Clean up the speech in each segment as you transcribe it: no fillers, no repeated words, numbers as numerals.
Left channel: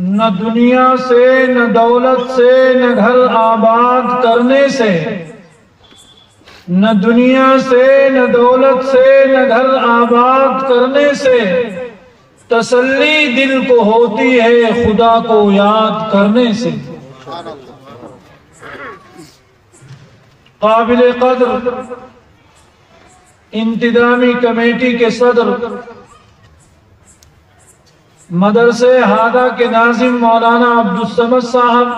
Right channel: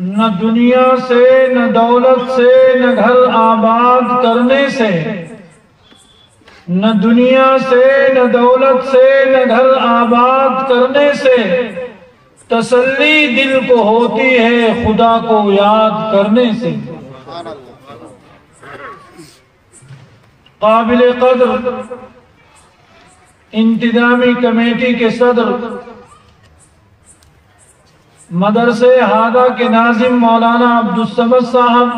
نہ دنیا سے نہ دولت سے نہ گھر آباد کرنے سے، نہ دنیا سے نہ دولت سے نہ گھر آباد کرنے سے تسلی دل کو ہوتی ہے خدا کو یاد کرنے سے۔ قابل قدر انتظامی کمیٹی کے صدر مدرسے ہادہ کے ناظم مولانا عبدالصمد صاحب،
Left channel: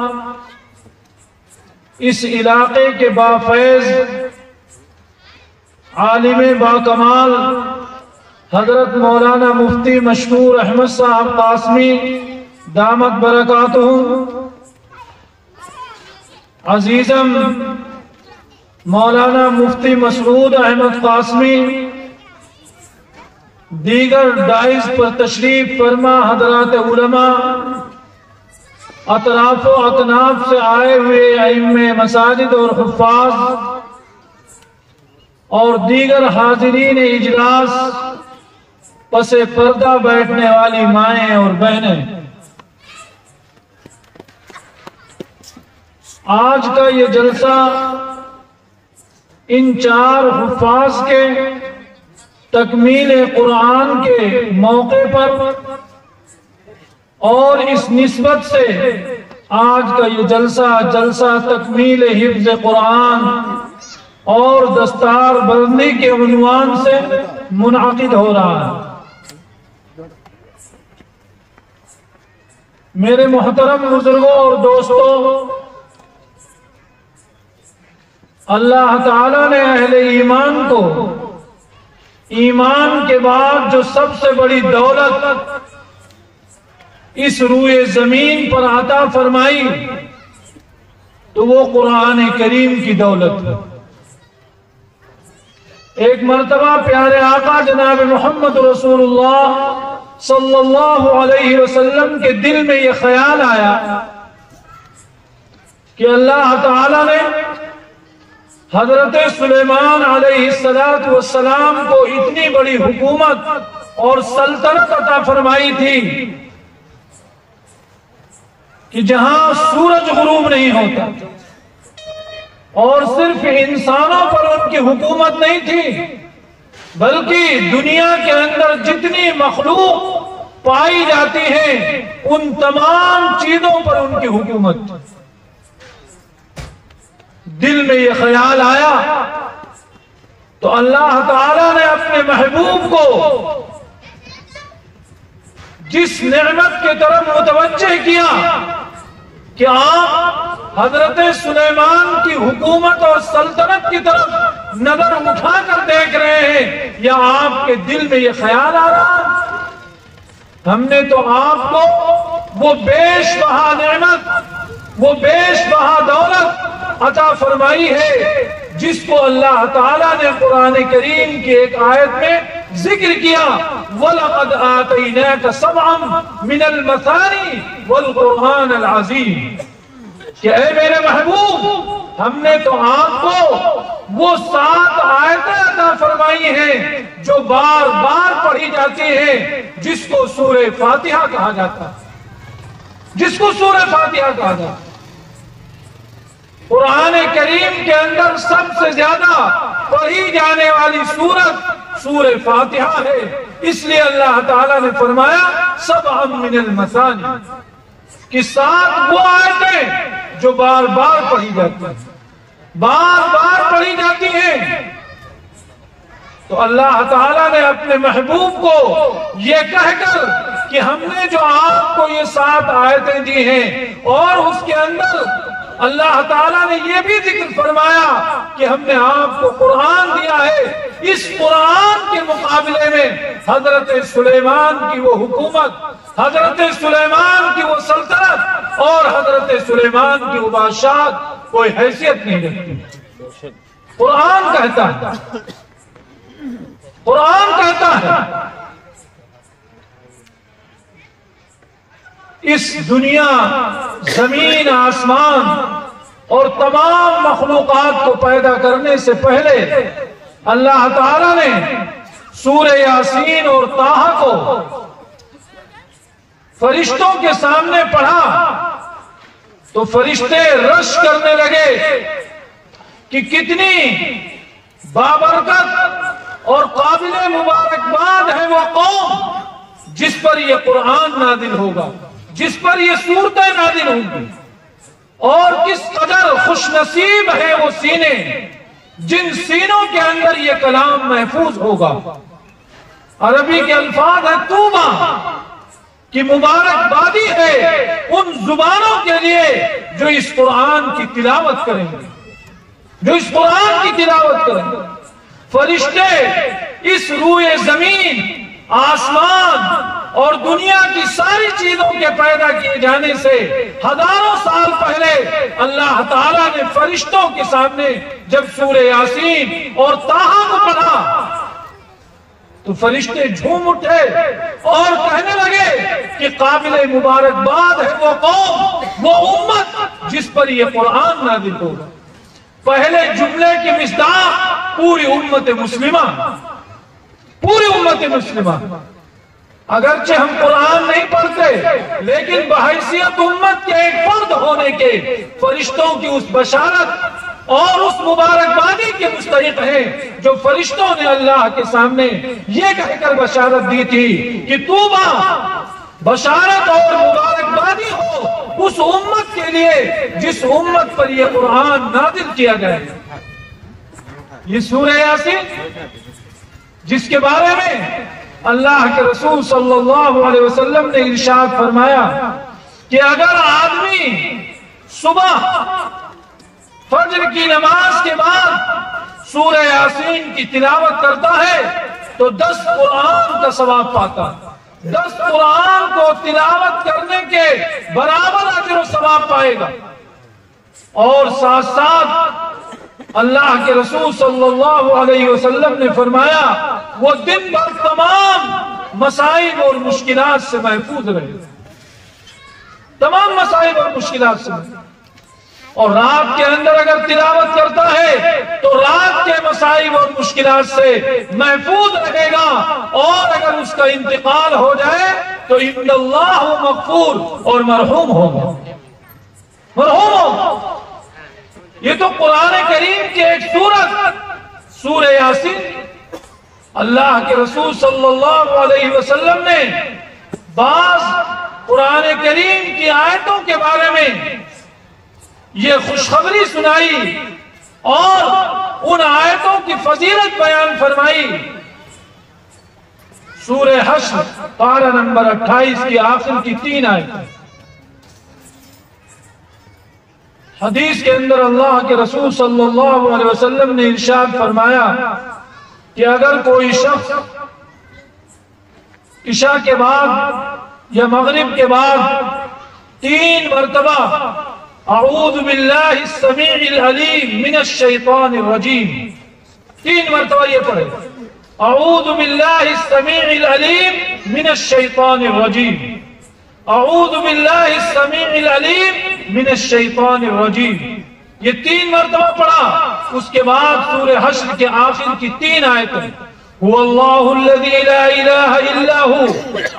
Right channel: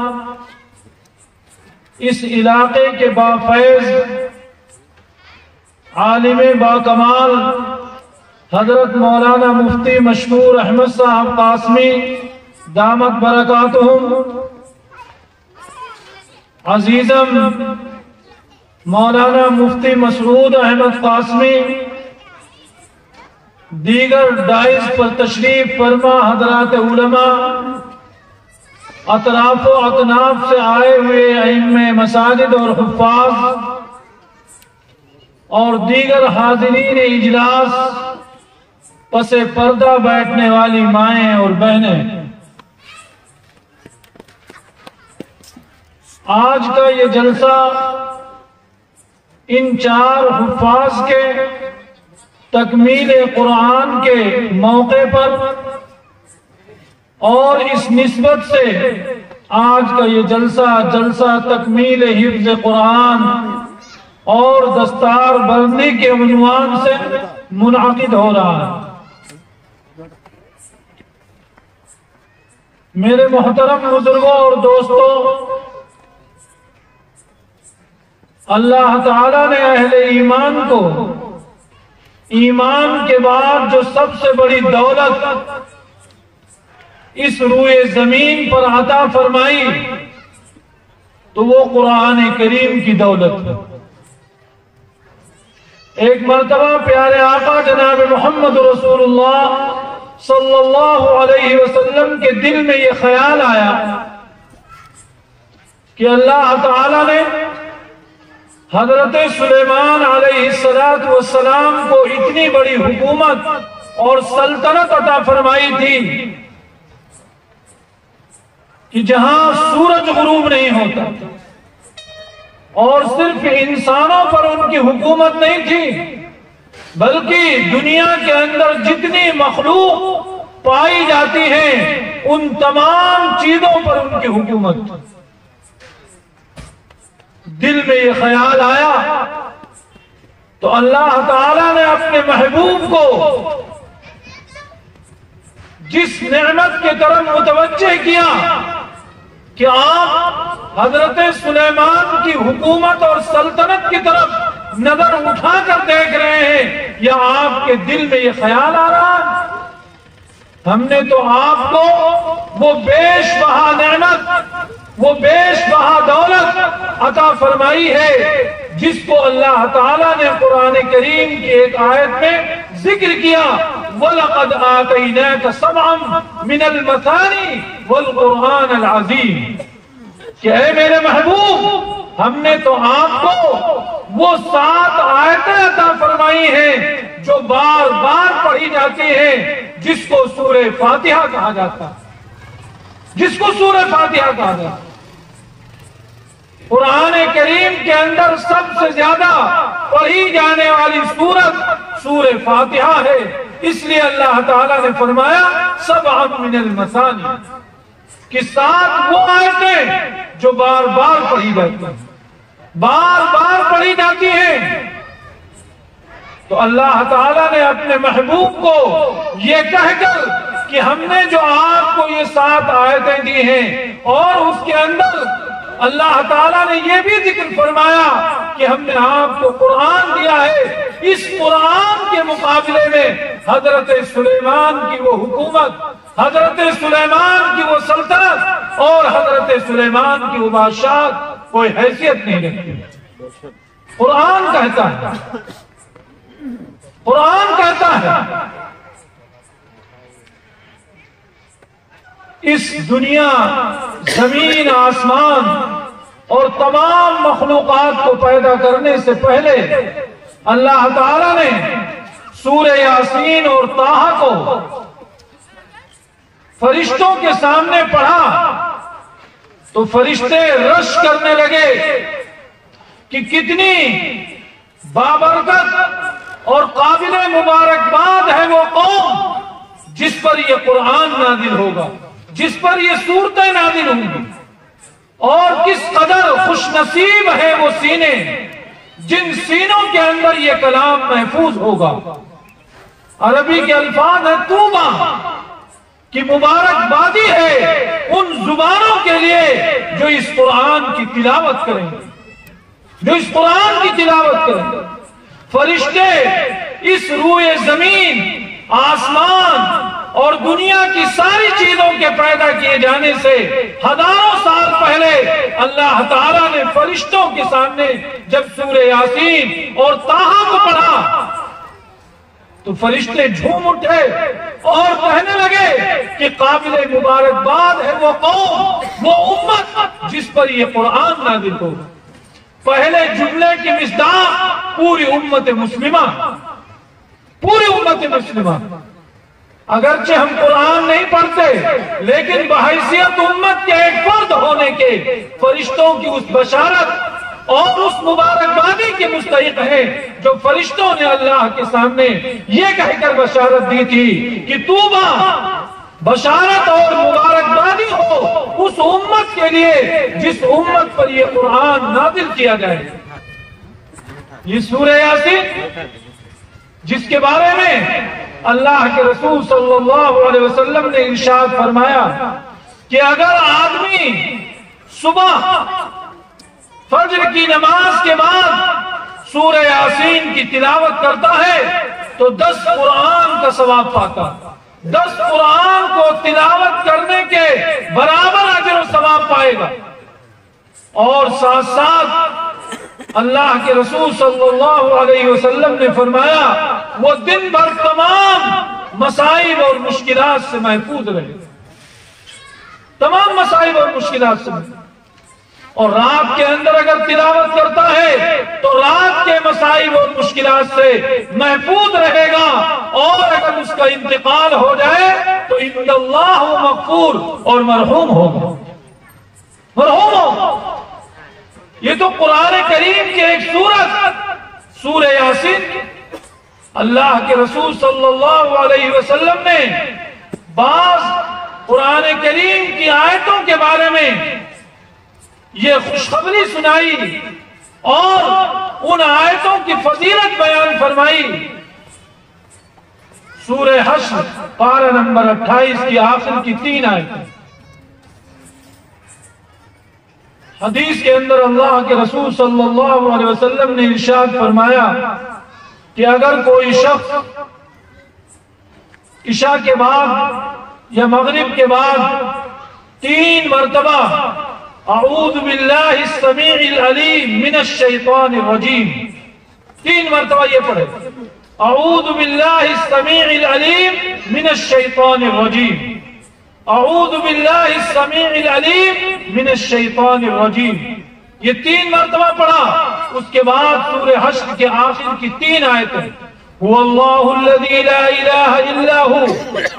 اس علاقے کے بافیض عالم باکمال حضرت مولانا مفتی مشکور احمد صاحب قاسمی دامت برکاتہم، عزیزم مولانا مفتی مسعود احمد قاسمی، دیگر ڈائز پر تشریف فرما حضرات علماء، اطراف و اکناف سے آئے ہوئے ائمہ مساجد اور حفاظ اور دیگر حاضرین اجلاس، پس پردہ بیٹھنے والی مائیں اور بہنیں، آج کا یہ جلسہ ان چار حفاظ کے تکمیل قرآن کے موقع پر اور اس نسبت سے آج کا یہ جلسہ تکمیل حفظ قرآن اور دستار بندی کے عنوان سے منعقد ہو رہا ہے۔ میرے محترم بزرگوں اور دوستوں، اللہ تعالیٰ نے اہل ایمان کو ایمان کے بعد جو سب سے بڑی دولت اس روئے زمین پر عطا فرمائی تو وہ قرآن کریم کی دولت ہے۔ ایک مرتبہ پیارے آقا جناب محمد رسول اللہ صلی اللہ علیہ وسلم کے دل میں یہ خیال آیا کہ اللہ تعالیٰ نے حضرت سلیمان علیہ السلام کو اتنی بڑی حکومت اور سلطنت عطا فرمائی تھی کہ جہاں سورج غروب نہیں ہوتا، اور صرف انسانوں پر ان کی حکومت نہیں تھی بلکہ دنیا کے اندر جتنی مخلوق پائی جاتی ہے ان تمام چیزوں پر ان کی حکومت تھی۔ دل میں یہ خیال آیا تو اللہ تعالیٰ نے اپنے محبوب کو جس نعمت کی طرف متوجہ کیا کہ آپ حضرت سلیمان کی حکومت اور سلطنت کی طرف نظر اٹھا کر دیکھ رہے ہیں، یا آپ کے دل میں یہ خیال آ رہا ہے ہم نے تو آپ کو وہ بیش بہا نعمت، وہ بیش بہا دولت عطا فرمائی ہے جس کو اللہ تعالیٰ نے قرآن کریم کی ایک آیت میں ذکر کیا، وَلَقَدْ آتَيْنَاكَ سَبْعًا مِنَ الْمَثَانِي وَالْقُرْآنَ الْعَظِيمِ، کہ اے میرے محبوب ہم نے تو آپ کو وہ 7 آیتیں عطا فرمائی ہیں جو بار بار پڑھی جاتی ہیں، جس کو سورہ فاتحہ کہا جاتا ہے، جس کو سورہ فاتحہ کہا جاتا ہے۔ قرآن کریم کے اندر سب سے زیادہ پڑھی جانے والی سورت سورہ فاتحہ ہے، اس لیے اللہ تعالیٰ نے فرمایا سبعا من المثانی، کہ 7 وہ آیتیں جو بار بار پڑھی جاتی ہیں، بار بار پڑھی جاتی ہیں۔ تو اللہ تعالیٰ نے اپنے محبوب کو یہ کہہ کر کہ ہم نے جو آپ کو یہ 7 آیتیں دی ہیں، اور اس کے اندر اللہ تعالیٰ نے یہ بھی ذکر فرمایا کہ ہم نے آپ کو قرآن دیا ہے، اس قرآن کے مقابلے میں حضرت سلیمان کی وہ حکومت، حضرت سلیمان کی وہ سلطنت اور حضرت سلیمان کی وہ بادشاہت کوئی حیثیت نہیں رکھتی۔ قرآن کہتا ہے، قرآن کہتا ہے اس دنیا، زمین، آسمان اور تمام مخلوقات کو پیدا کرنے سے پہلے اللہ تعالیٰ نے سورہ یاسین اور طٰہٰ کو فرشتوں کے سامنے پڑھا تو فرشتے رش کرنے لگے کہ کتنی بابرکت اور قابل مبارکباد ہے وہ قوم جس پر یہ قرآن نازل ہوگا، جس پر یہ صورتیں نازل ہوں گی، اور کس قدر خوش نصیب ہے وہ سینے جن سینوں کے اندر یہ کلام محفوظ ہوگا۔ عربی کے الفاظ ہے طوبیٰ، کہ مبارکبادی ہے ان زبانوں کے لیے جو اس قرآن کی تلاوت کریں گے، جو اس قرآن کی تلاوت کریں گے۔ فرشتے اس روئے زمین، آسمان اور دنیا کی ساری چیزوں کے پیدا کیے جانے سے ہزاروں سال پہلے اللہ تعالیٰ نے فرشتوں کے سامنے جب سورہ یاسین اور طٰہٰ کو پڑھا تو فرشتے جھوم اٹھے اور کہنے لگے کہ قابل مبارکباد ہے وہ قوم، وہ امت جس پر یہ قرآن نازل ہوگا۔ پہلے جملے کی مصداق پوری امت مسلمہ، پوری امت مسلمہ۔ اگرچہ ہم قرآن نہیں پڑھتے لیکن بحیثیت امت کے ایک فرد ہونے کے فرشتوں کی اس بشارت اور اس مبارکبادی کے مستحق ہیں جو فرشتوں نے اللہ کے سامنے یہ کہہ کر بشارت دی تھی کہ طوبیٰ، بشارت اور مبارکبادی ہو اس امت کے لیے جس امت پر یہ قرآن نازل کیا جائے۔ یہ سورہ یاسین جس کے بارے میں اللہ کے رسول صلی اللہ علیہ وسلم نے ارشاد فرمایا کہ اگر آدمی صبح فجر کی نماز کے بعد سورہ یاسین کی تلاوت کرتا ہے تو 10 قرآن کا ثواب پاتا، 10 قرآن کو تلاوت کرنے کے برابر اجر و ثواب پائے گا۔ اور ساتھ ساتھ اللہ کے رسول صلی اللہ علیہ وسلم نے فرمایا وہ دن بھر تمام مصائب اور مشکلات سے محفوظ رہے، تمام مصائب اور مشکلات سے محفوظ۔ اور رات کے اندر اگر تلاوت کرتا ہے تو رات کے مصائب اور مشکلات سے محفوظ رہے گا، اور اگر اس کا انتقال ہو جائے تو ان اللہ مغفور اور مرحوم ہوگا، مرحوم ہوگا۔ یہ تو قرآن کریم کی ایک سورت سورہ یاسین، اللہ کے رسول صلی اللہ علیہ وسلم نے بعض قرآن کریم کی آیتوں کے بارے میں یہ خوشخبری سنائی اور ان آیتوں کی فضیلت بیان فرمائی۔ سورہ حشر پارہ نمبر 28 کی آخر کی 3 آیتیں۔ حدیث کے اندر اللہ کے رسول صلی اللہ علیہ وسلم نے ارشاد فرمایا کہ اگر کوئی شخص عشاء کے بعد یا مغرب کے بعد 3 مرتبہ اعوذ باللہ السمیع العلیم من الشیطان الرجیم، 3 مرتبہ یہ پڑھے، اعوذ باللہ السمیع العلیم من الشیطان الرجیم، اعوذ باللہ السمیع العلیم من الشیطان الرجیم، یہ 3 مرتبہ پڑھا۔ اس کے بعد سورہ حشر کے آخر کی 3 آیتیں، هو اللہ الذی لا الہ الا هو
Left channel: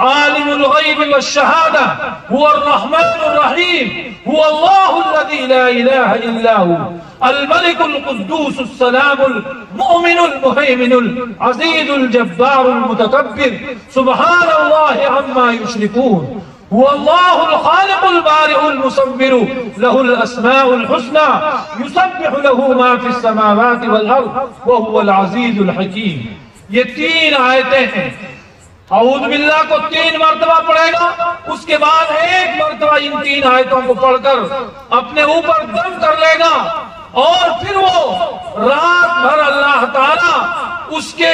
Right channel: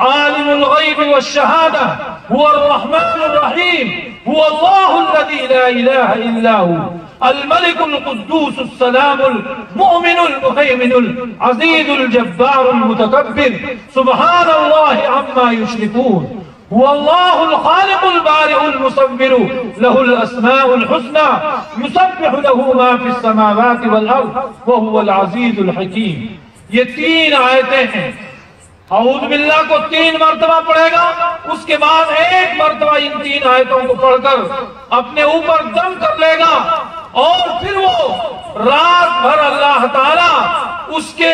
عالم الغیب والشہادہ هو الرحمن الرحیم هو اللہ الذی لا الہ الا هو الملك القدوس السلام المؤمن المهيمن العزيز الجبار المتكبر سبحان الله عما يشركون هو الله الخالق البارئ المصور له الأسماء الحسنى يسبح له ما في السماوات والأرض وهو العزيز الحكيم۔ یہ 3 آیتیں ہیں۔ اعوذ باللہ کو 3 مرتبہ پڑھے گا، اس کے بعد 1 مرتبہ ان 3 آیتوں کو پڑھ کر اپنے اوپر دم کر لے گا، اور پھر وہ رات بھر اللہ تعالیٰ اس کے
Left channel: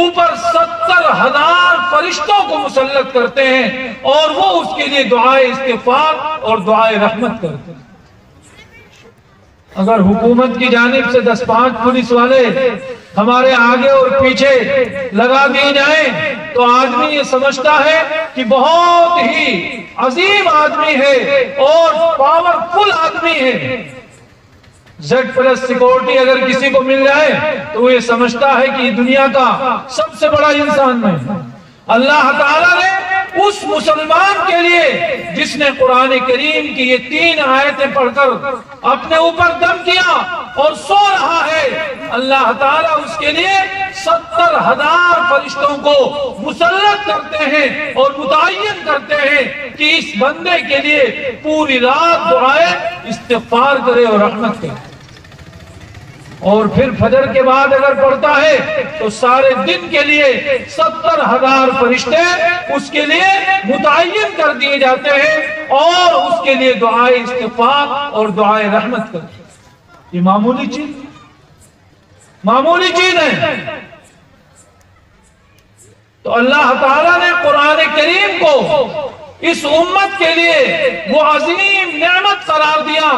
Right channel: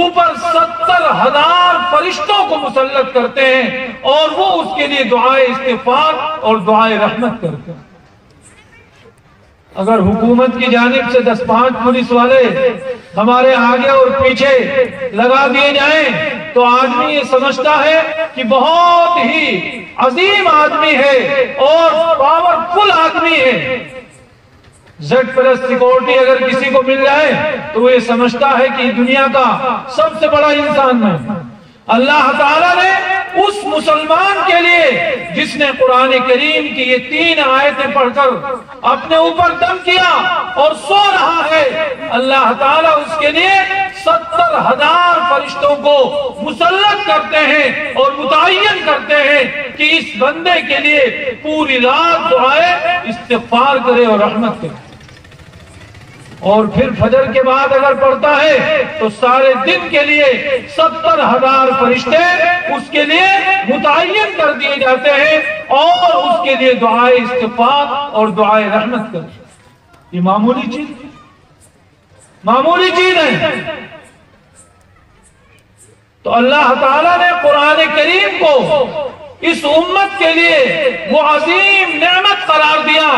اوپر 70,000 فرشتوں کو مسلط کرتے ہیں، اور وہ اس کے لیے دعائے استغفار اور دعائے رحمت کرتے ہیں۔ اگر حکومت کی جانب سے 10-5 پولیس والے ہمارے آگے اور پیچھے لگا دیے جائیں تو آدمی یہ سمجھتا ہے کہ بہت ہی عظیم آدمی ہے اور پاورفل آدمی ہے۔ Z+ سیکورٹی اگر کسی کو مل جائے تو وہ یہ سمجھتا ہے کہ دنیا کا سب سے بڑا انسان ہے۔ اللہ تعالیٰ نے اس مسلمان کے لیے جس نے قرآن کریم کی یہ 3 آیتیں پڑھ کر اپنے اوپر دم کیا اور سو رہا ہے، اللہ تعالیٰ اس کے لیے 70,000 فرشتوں کو مسلط کرتے ہیں اور متعین کرتے ہیں کہ اس بندے کے لیے پوری رات دعائے استغفار کرے اور رحمت کرے، اور پھر فجر کے بعد اگر پڑھتا ہے تو سارے دن کے لیے 70,000 فرشتے اس کے لیے متعین کر دیے جاتے ہیں اور اس کے لیے دعائے استغفار اور دعائے رحمت کرتے ہیں۔ یہ معمولی چیز ہے۔ تو اللہ تعالیٰ نے قرآن کریم کو اس امت کے لیے وہ عظیم نعمت قرار دیا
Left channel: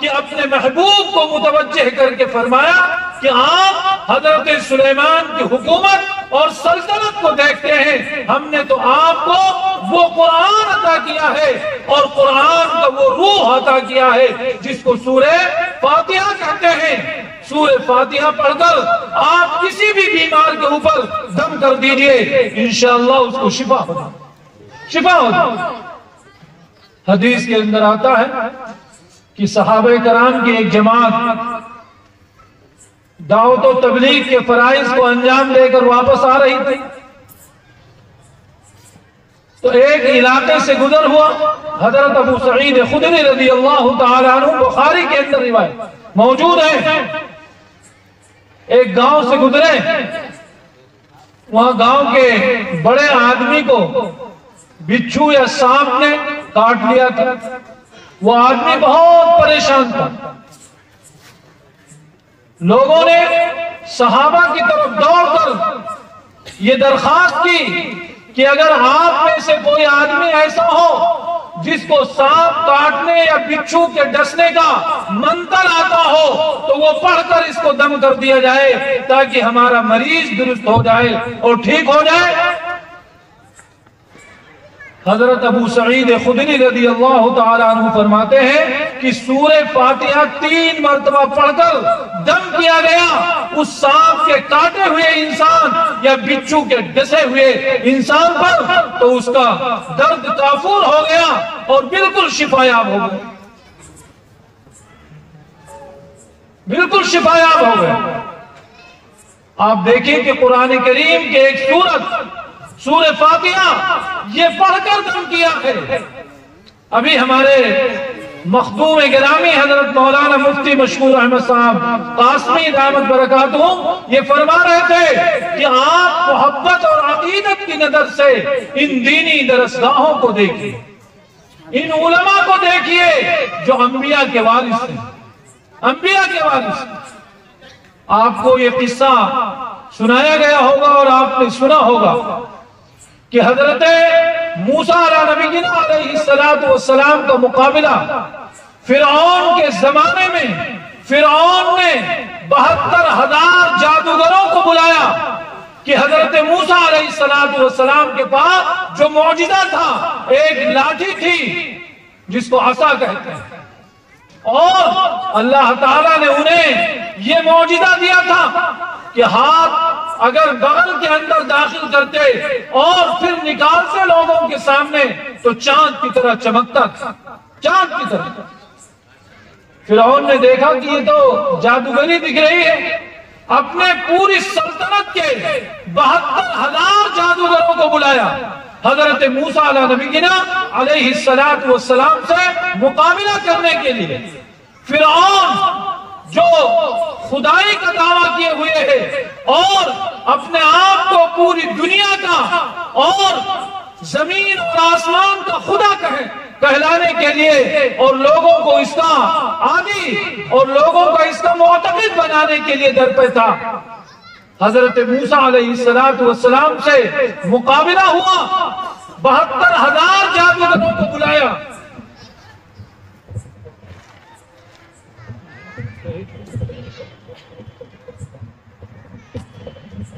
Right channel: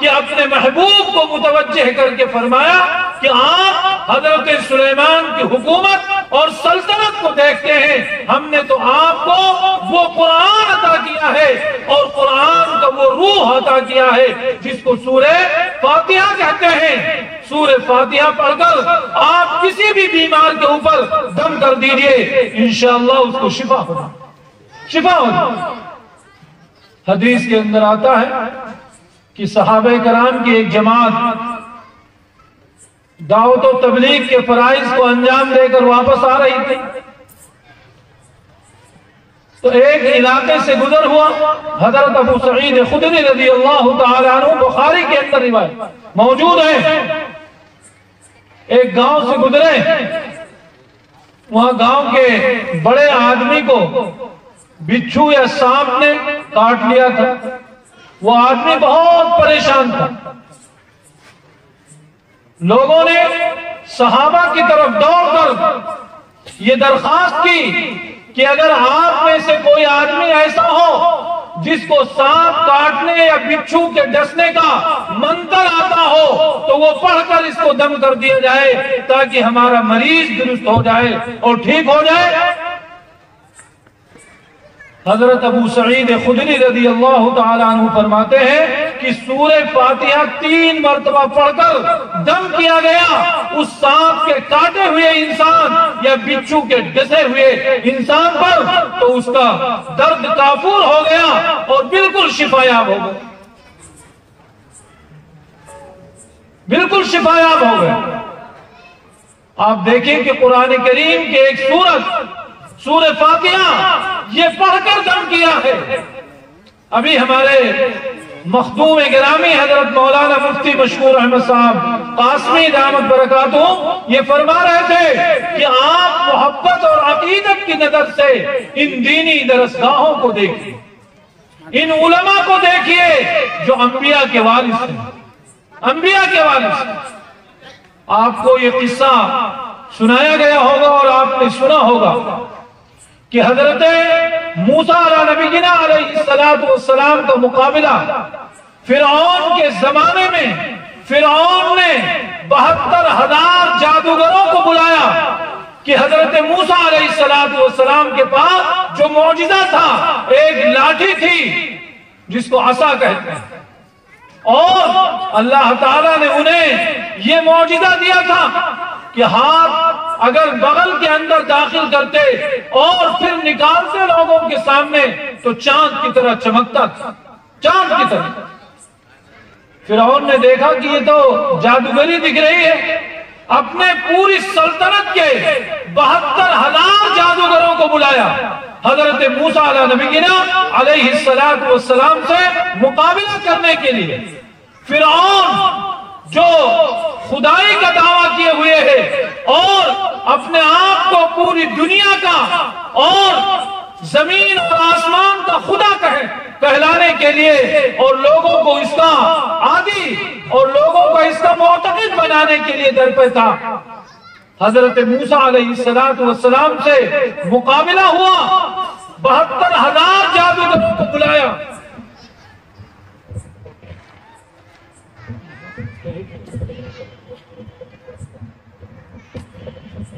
کہ اپنے محبوب کو متوجہ کر کے فرمایا کہ آپ حضرت سلیمان کی حکومت اور سلطنت کو دیکھتے ہیں، ہم نے تو آپ کو وہ قرآن عطا کیا ہے اور قرآن کا وہ روح عطا کیا ہے جس کو سورہ فاتحہ کہتے ہیں۔ سورہ فاتحہ پڑھ کر آپ کسی بھی بیمار کے اوپر دم کر دیجئے، انشاءاللہ اس کو شفا ہوگا۔ حدیث کے اندر آتا ہے کہ صحابہ کرام کی ایک جماعت دعوت و تبلیغ کے فرائض کو انجام دے کر واپس آ رہی تھی، تو ایک علاقے سے گزر ہوا۔ حضرت ابو سعید خدری رضی اللہ تعالی عنہ بخاری کے اندر روایت موجود ہے، ایک گاؤں سے گزرے، وہاں گاؤں کے بڑے آدمی کو بچھو یا سانپ نے کاٹ لیا تھا، وہ آدمی بہت پریشان تھا۔ لوگوں نے صحابہ کی طرف دوڑ کر یہ درخواست کی کہ اگر آپ میں سے کوئی آدمی ایسا ہو جس کو سانپ کاٹنے یا بچھو کے ڈسنے کا منتر آتا ہو تو وہ پڑھ کر اس کو دم کر دیا جائے تاکہ ہمارا مریض درست ہو جائے اور ٹھیک ہو جائے۔ حضرت ابو سعید خدری رضی اللہ تعالیٰ عنہ فرماتے ہیں کہ سورہ فاتحہ 3 مرتبہ پڑھ کر دم کیا گیا اس سانپ کے کاٹے ہوئے انسان یا بچھو کے ڈسے ہوئے انسان پر، تو اس کا درد کافور ہو گیا اور بالکل شفایاب ہو گیا، بالکل شفایاب ہو گیا۔ آپ دیکھیں کہ قرآن کریم کے ایک سورہ فاتحہ یہ پڑھ کر دم کیا ہے۔ ابھی ہمارے مخدوم گرامی حضرت مولانا مفتی مشکور احمد صاحب قاسمی دامت برکاتہ یہ فرما رہے تھے کہ آپ محبت اور عقیدت کی نظر سے ان دینی درسگاہوں کو دیکھیے، ان علماء کو دیکھیے جو انبیاء کے وارث ہیں، انبیاء کے وارث ہیں۔ آپ کو یہ قصہ سنایا گیا ہوگا اور آپ نے سنا ہوگا کہ حضرت موسیٰ علیہ نبینا علیہ السلام کا مقابلہ فرعون کے زمانے میں فرعون نے 72,000 جادوگروں کو بلایا کہ حضرت موسیٰ علیہ السلام کے پاس جو معجزہ تھا ایک لاٹھی تھی جس کو عصا کہتے ہیں، اور اللہ تعالیٰ نے انہیں یہ معجزہ دیا تھا کہ ہاتھ اگر بغل کے اندر داخل کرتے اور پھر نکالتے لوگوں کے سامنے تو چاند کی طرح چمکتا تھا، چاند کی طرح۔ فرعون نے دیکھا کہ یہ تو جادوگری دکھ رہی ہے، اپنے پوری سلطنت کے 72,000 جادوگروں کو بلایا حضرت موسیٰ علیہ نبینا علیہ السلام سے مقابلہ کرنے کے لیے۔ فرعون جو خدائی کا دعویٰ کیے ہوئے ہے اور اپنے آپ کو پوری دنیا کا اور زمین اور آسمان کا خدا کہلانے کے لیے اور لوگوں کو اس کا عادی اور لوگوں کو اس کا معتقد بنانے کے لیے درپے تھا، حضرت موسیٰ علیہ السلام سے مقابلہ ہوا، 72,000 جادوگروں کو بلایا۔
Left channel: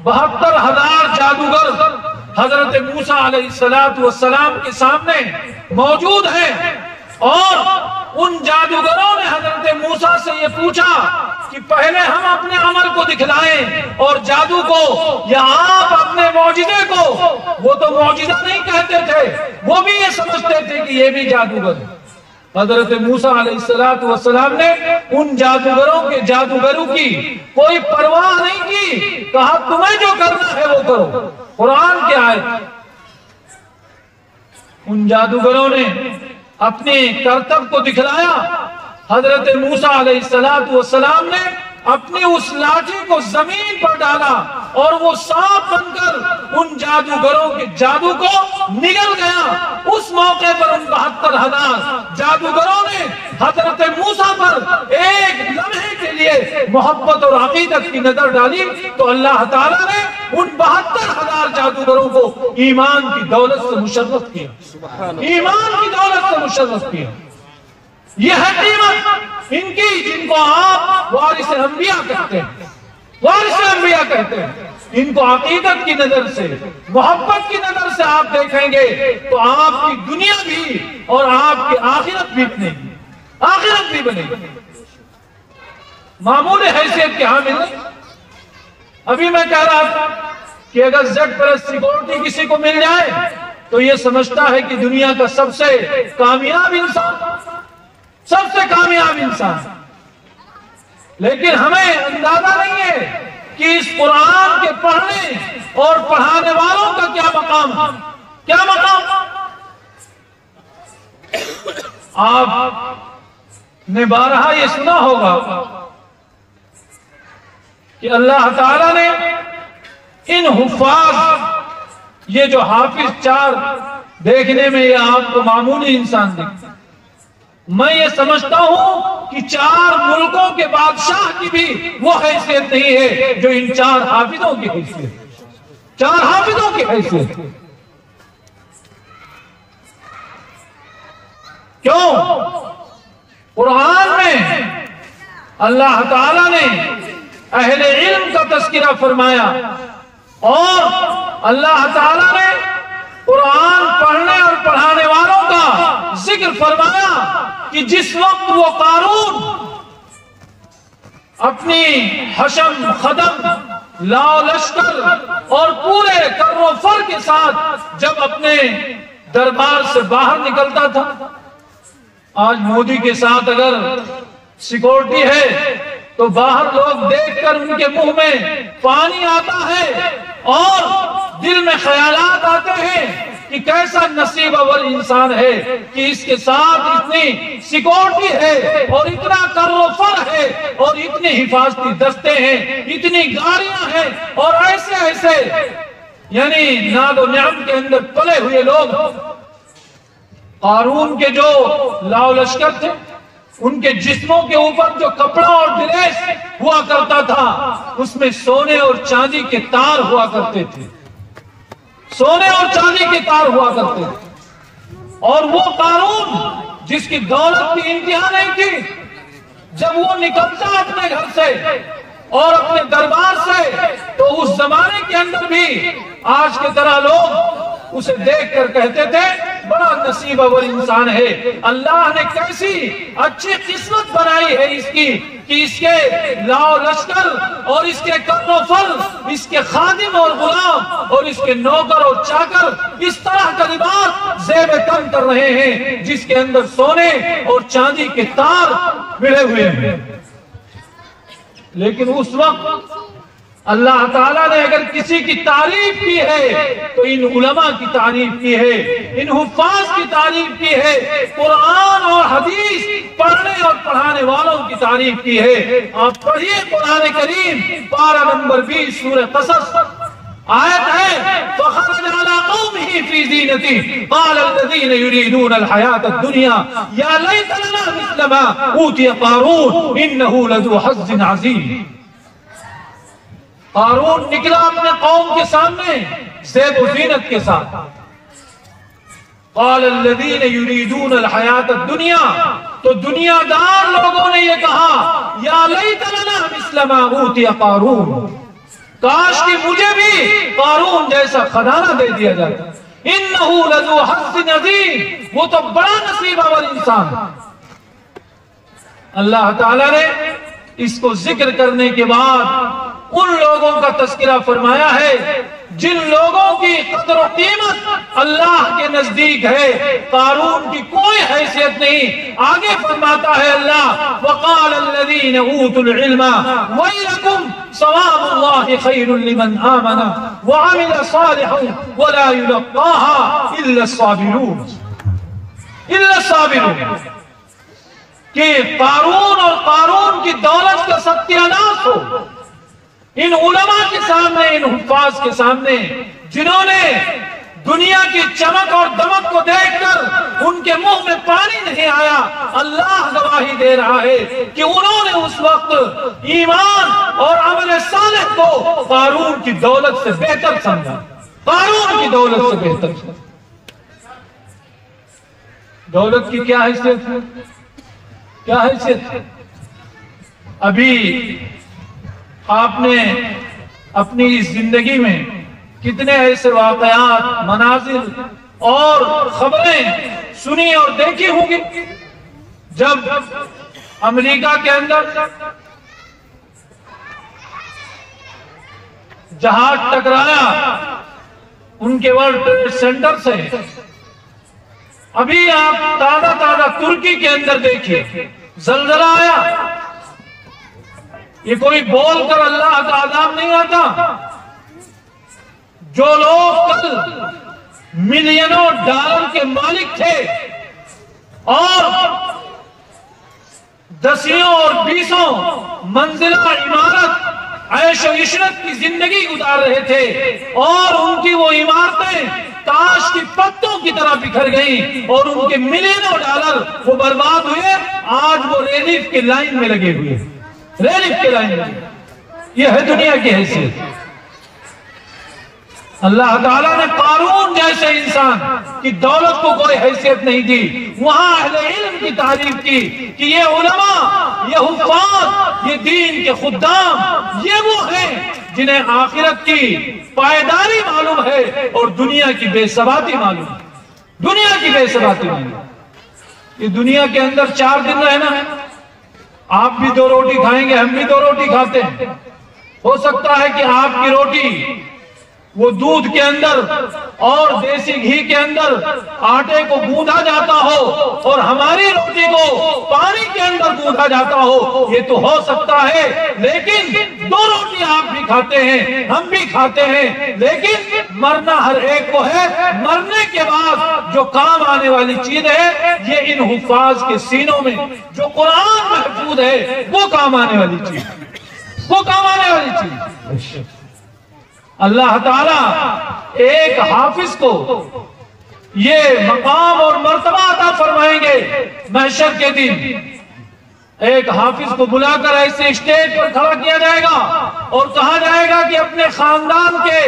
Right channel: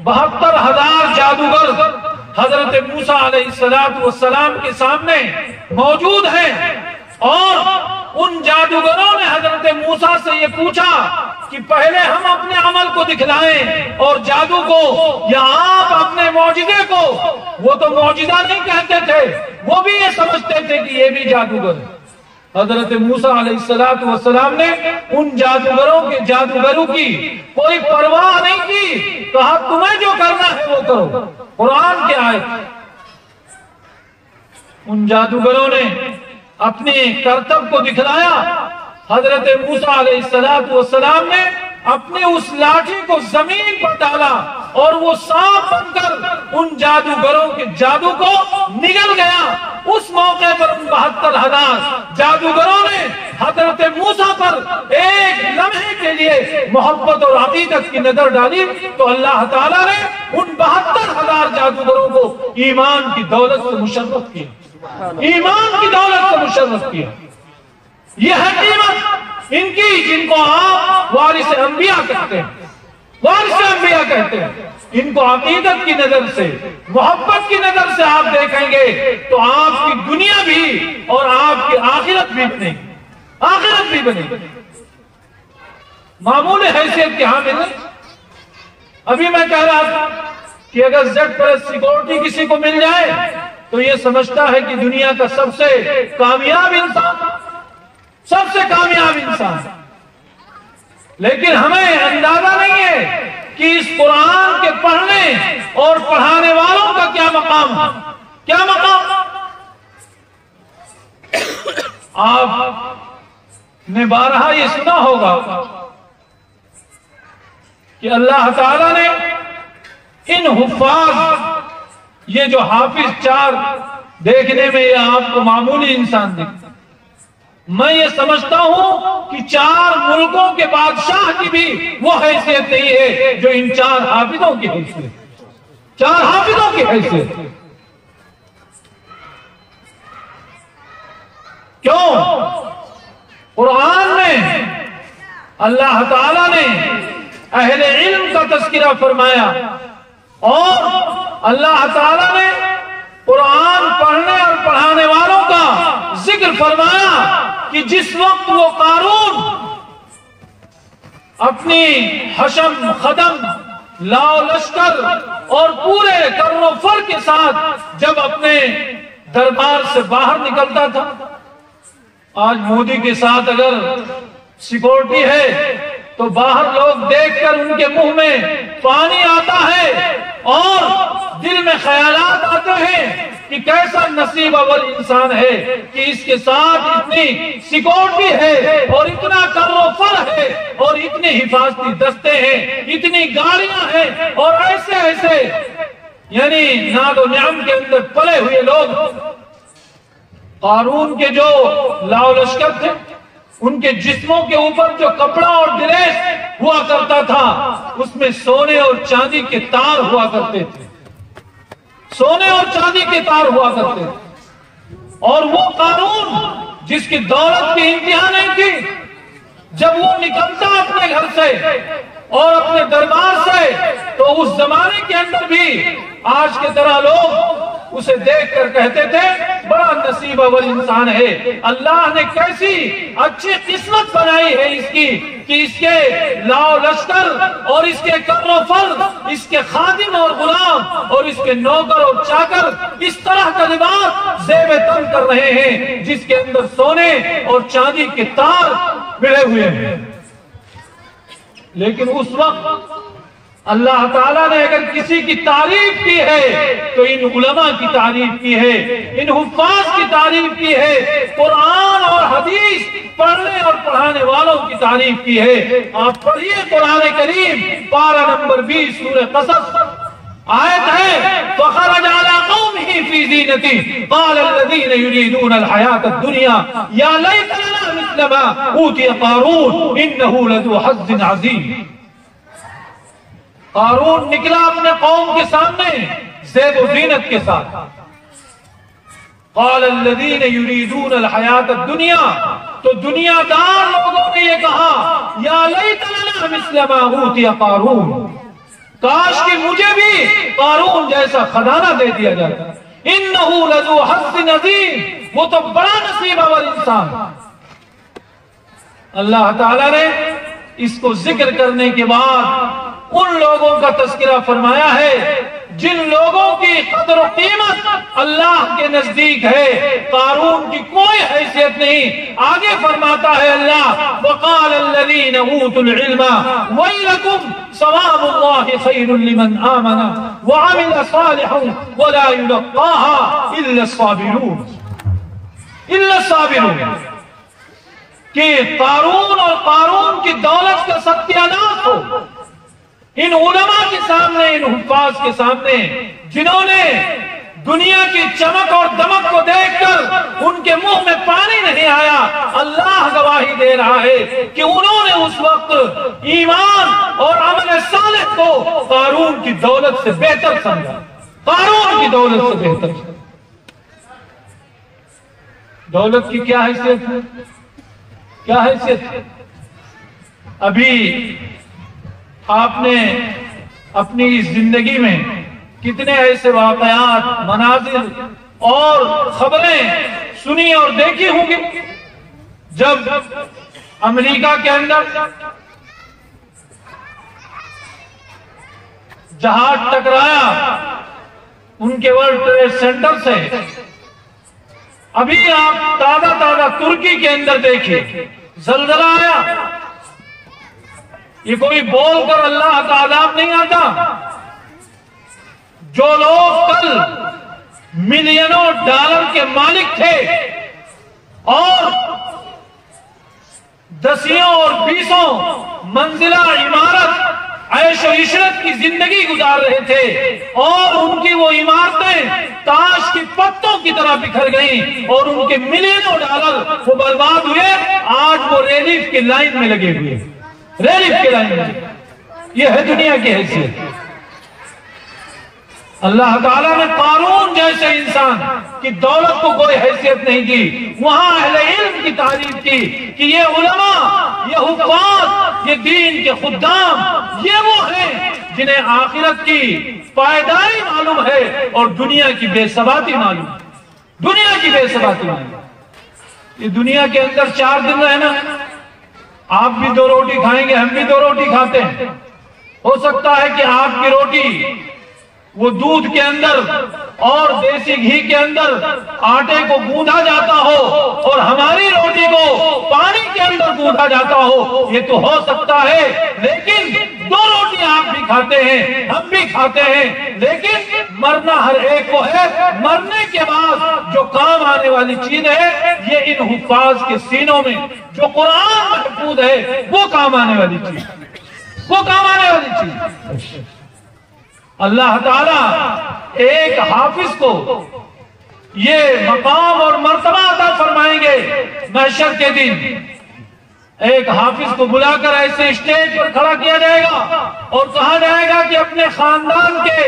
72,000 جادوگر حضرت موسیٰ علیہ السلام کے سامنے موجود ہیں، اور ان جادوگروں نے حضرت موسیٰ سے یہ پوچھا کہ پہلے ہم اپنے عمل کو دکھلائیں اور جادو کو، یا آپ اپنے معجزے کو؟ وہ تو معجزہ نہیں کہتے تھے، وہ بھی یہ سمجھتے تھے کہ یہ بھی جادوگر ہے۔ حضرت موسیٰ علیہ السلام نے ان جادوگروں کی کوئی پرواہ نہیں کی، کہا تمہیں جو کرنا ہے وہ کرو۔ قرآن کی آیت۔ ان جادوگروں نے اپنے کرتب کو دکھلایا۔ حضرت موسیٰ علیہ السلام نے اپنی اس لاٹھی کو زمین پر ڈالا اور وہ سانپ بن کر ان جادوگروں کے جادو کو نگل گیا۔ اس موقع پر ان 72,000 جادوگروں نے حضرت موسیٰ پر ایک لمحے کے لیے محبت اور عقیدت کی نظر ڈالی، تو اللہ تعالیٰ نے ان 72,000 جادوگروں کو ایمان کی دولت سے مشرف کیا، ایمان کی دولت سے مشرف کیا۔ یہ ہے قیمت ان کی، جن کو آپ وارث انبیاء کہتے ہیں، وارث انبیاء کہتے ہیں۔ ان کو عقیدت کی نظر سے، محبت کی نظر سے آپ دیکھیں گے تو آپ کی دنیا بھی اور آپ کی آخرت بھی بنے گی، آخرت بھی بنے گی۔ معمولی حیثیت کے حامل ہیں۔ ابھی میں کہہ رہا تھا کہ اگر Z+ سیکورٹی کسی کو مل جائے تو یہ سمجھتا ہے کہ دنیا کا سب سے کامیاب انسان، سب سے کامیاب انسان۔ لیکن ہمیں اندازہ نہیں ہے کہ اس قرآن کے پڑھنے اور پڑھانے والوں کا کیا مقام ہے، کیا مقام۔ آپ نے بارہا یہ سنا ہوگا کہ اللہ تعالیٰ نے ان حفاظ، یہ جو حافظ 4 دیکھنے میں یہ آپ کو معمولی انسان دکھتا، میں یہ سمجھتا ہوں کہ 4 ملکوں کے بادشاہ کی بھی وہ حیثیت نہیں ہے جو ان 4 حافظوں کی حیثیت، 4 حافظوں کی حیثیت۔ کیوں؟ قرآن میں اللہ تعالیٰ نے اہل علم کا تذکرہ فرمایا، اور اللہ تعالیٰ نے قرآن پڑھنے اور پڑھانے والوں کا ذکر فرمایا کہ جس وقت وہ قارون اپنی حشم خدم لاؤ لشکر اور پورے کر و فر کے ساتھ جب اپنے دربار سے باہر نکلتا تھا، آج مودی کے ساتھ اگر سیکورٹی ہے تو باہر لوگ دیکھ کر ان کے منہ میں پانی آتا ہے اور دل میں خیالات آتے ہیں کہ کیسا نصیب اول انسان ہے کہ اس کے ساتھ اتنی سیکورٹی ہے اور اتنا کر و فر ہے اور اتنے حفاظتی دستے ہیں، اتنی گاڑیاں ہیں اور ایسے یعنی ناد و نعم کے اندر پلے ہوئے لوگ۔ قارون کے جو لاؤ لشکر تھے، ان کے جسموں کے اوپر جو کپڑا اور ڈریس ہوا کرتا تھا اس میں سونے اور چاندی کے تار ہوا کرتے تھے، سونے اور چاندی کے تار ہوا کرتے تھے۔ اور وہ قارون جس کی دولت کی انتہا نہیں تھی، جب وہ نکلتا اپنے گھر سے اور اپنے دربار سے تو اس زمانے کے اندر بھی آج کی طرح لوگ اسے دیکھ کر کہتے تھے بڑا نصیب اول انسان ہے، اللہ نے کیسی اچھی قسمت بنائی ہے اس کی کہ اس کے لاؤ لشکر اور اس کے کر و فر، اس کے خادم اور غلام اور اس کے نوکر اور چاکر اس طرح کا لباس زیب تن کر رہے ہیں جس کے اندر سونے اور چاندی کے تار بڑھے ہوئے ہیں۔ لیکن اس وقت اللہ تعالیٰ نے اگر کسی کی تعریف کی ہے تو ان علماء کی تعریف کی ہے، ان حفاظ کی تعریف کی ہے، قرآن اور حدیث پڑھنے اور پڑھانے والوں کی تعریف کی ہے۔ آپ پڑھیے قرآن کریم پارہ نمبر 20 سورہ قصص، آیت ہے فخرج علی قومہ فی زینتہ قال الذین یریدون الحیاۃ الدنیا یا لیت لنا مثل ما اوتی قارون انہ لذو حظ عظیم۔ قارون نکلا اپنے قوم کے سامنے زیب و زینت کے ساتھ، قال الذین یریدون الحیاۃ الدنیا، تو دنیا دار لوگوں نے یہ کہا یا لیت لنا مثل ما اوتی قارون، کاش کہ مجھے بھی قارون جیسا خزانہ دے دیا جاتا، انہ لذو حظ عظیم، وہ تو بڑا نصیب اول انسان۔ اللہ تعالیٰ نے اس کو ذکر کرنے کے بعد ان لوگوں کا تذکرہ فرمایا ہے جن لوگوں کی قدر و قیمت اللہ کے نزدیک ہے، قارون کی کوئی حیثیت نہیں۔ آگے فرماتا ہے اللہ وقال الذین اوتوا العلم ویلکم ثواب اللہ خیر لمن آمن وعمل صالحا ولا یلقاها الا الصابرون۔ الا الصابرون، کہ قارون اور قارون کی دولت کا ستیہ ناش ہو ان علماء کے سامنے، ان حفاظ کے سامنے جنہوں نے دنیا کی چمک اور دمک کو دیکھ کر ان کے منہ میں پانی نہیں آیا۔ اللہ گواہی دے رہا ہے کہ انہوں نے اس وقت ایمان اور عمل صالح کو قارون کی دولت سے بہتر سمجھا، قارون کی دولت سے بہتر سمجھا۔ دولت کی کیا حیثیت ہے؟ کیا حیثیت ہے؟ ابھی آپ نے اپنی زندگی میں کتنے ایسے واقعات، مناظر اور خبریں سنی اور دیکھی ہوں گی۔ جب امریکہ کے اندر جہاز ٹکرایا ان کے ورلڈ ٹریڈ سینٹر سے، ابھی آپ تازہ ترکی کے اندر دیکھیں زلزلہ آیا۔ یہ کوئی بول کر اللہ کا عذاب نہیں آتا۔ جو لوگ کل ملینوں ڈالر کے مالک تھے اور دسیوں اور بیسوں منزلہ عمارت عیش و عشرت کی زندگی گزار رہے تھے اور ان کی وہ عمارتیں تاش کی پتوں کی طرح بکھر گئیں اور ان کے ملینوں ڈالر وہ برباد ہوئے، آج وہ ریلیف کی لائن میں لگے ہوئے، ریلیف کی لائن میں۔ یہ ہے دنیا کی حیثیت۔ اللہ تعالیٰ نے قارون جیسے انسان کی دولت کو کوئی حیثیت نہیں دی۔ وہاں اہل علم کی تعریف کی کہ یہ علماء، یہ حفاظ، یہ دین کے خدام، یہ وہ ہیں جنہیں آخرت کی پائیداری معلوم ہے اور دنیا کی بے ثباتی معلوم ہے، دنیا کی بے ثباتی معلوم۔ یہ دنیا کے اندر 4 دن رہنا ہے۔ آپ بھی 2 روٹی کھائیں گے، ہم بھی 2 روٹی کھاتے ہیں۔ ہو سکتا ہے کہ آپ کی روٹی وہ دودھ کے اندر اور دیسی گھی کے اندر آٹے کو گوندھا جاتا ہو اور ہماری روٹی کو پانی کے اندر گوندھا جاتا ہو، یہ تو ہو سکتا ہے، لیکن 2 روٹی آپ بھی کھاتے ہیں، ہم بھی کھاتے ہیں، لیکن مرنا ہر ایک کو ہے۔ مرنے کے بعد جو کام آنے والی چیز ہے یہ ان حفاظ کے سینوں میں جو قرآن محفوظ ہے وہ کام آنے والی چیز، وہ کام آنے والی چیز۔ اللہ تعالیٰ ایک حافظ کو یہ مقام اور مرتبہ عطا فرمائیں گے محشر کے دن۔ ایک حافظ کو بلا کر ایسے اسٹیج پر کھڑا کیا جائے گا اور کہا جائے گا کہ اپنے خاندان کے